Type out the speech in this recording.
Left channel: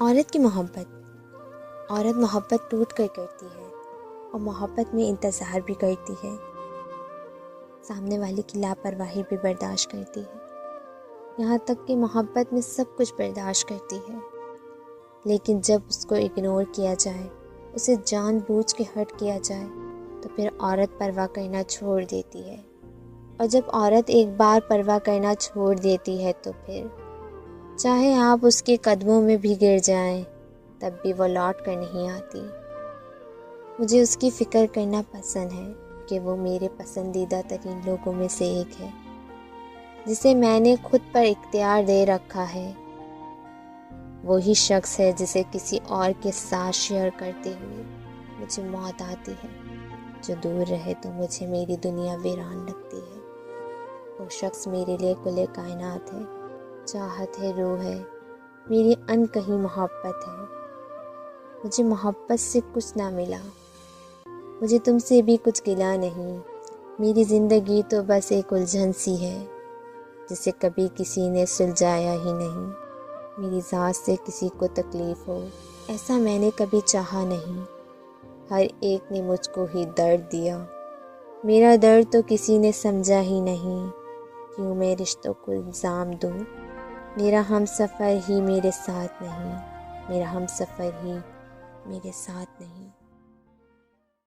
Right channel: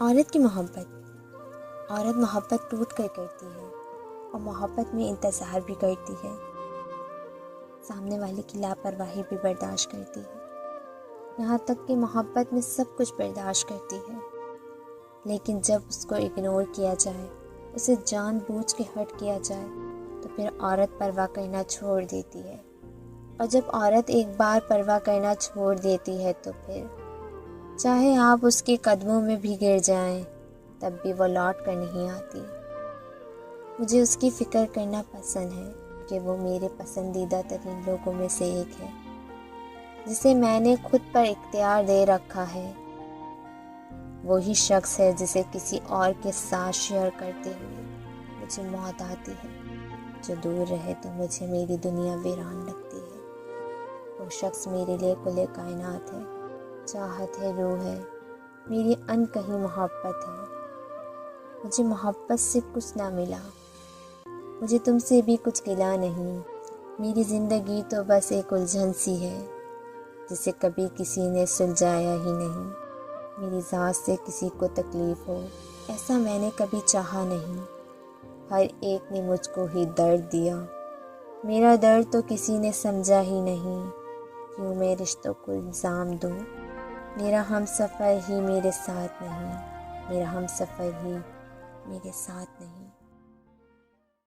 عورت کی محبت۔ عورت محبت ٹوٹ کر کرتی ہے اور محبت میں انتظار بھی کرتی ہے، سامنے والے کی لاپرواہی بھی برداشت کرتی ہے، یہاں تک کہ محبت میں سب کچھ برداشت کرتی ہے۔ لیکن جب اس کو اگنور کیا جائے، اسے جان بوجھ کے ہرٹ کیا جائے، تو پھر عورت پرواہ کرنا چھوڑ دیتی ہے۔ اور جب عورت ایک بار پرواہ کرنا چھوڑ دیتی ہے تو پھر چاہے آپ اس کے قدموں میں بھی گر جائیں، تب بھی وہ لوٹ کر نہیں آتی۔ مجھے اس کی فکر کرنا پسند ہے کہ وہ میرے پسندیدہ ترین لوگوں میں سے ایک ہے، جسے میں نے خود پر اختیار دے رکھا ہے۔ وہی شخص ہے جسے کسی اور کے ساتھ شیئر کرتے ہوئے مجھے موت آتی ہے، جو دور رہے تو مجھے میری دنیا ویران لگتی ہے۔ وہ شخص میرے لیے کل کائنات ہے، چاہت ہے، روح ہے، میری انکہی محبت ہے۔ مجھے محبت سے کچھ نہ ملا، مجھے تم سے بھی کچھ گلا نہیں۔ میری زندگی تو بس ایک الجھن سی ہے، جسے کبھی کسی نے سلجھایا ہی نہیں۔ میری ذات سے کسی کو تکلیف ہو، ایسا میں نے کبھی چاہا نہیں۔ ہر ایک نے مجھ کو ہی درد دیا، میرا درد تو کسی نے سمجھا ہی نہیں۔ کیوں میں رشتوں کو الزام دوں؟ میرا ہم سفر ہی میرے ساتھ نہیں، میرا ہم سفر ہی میرے ساتھ نہیں۔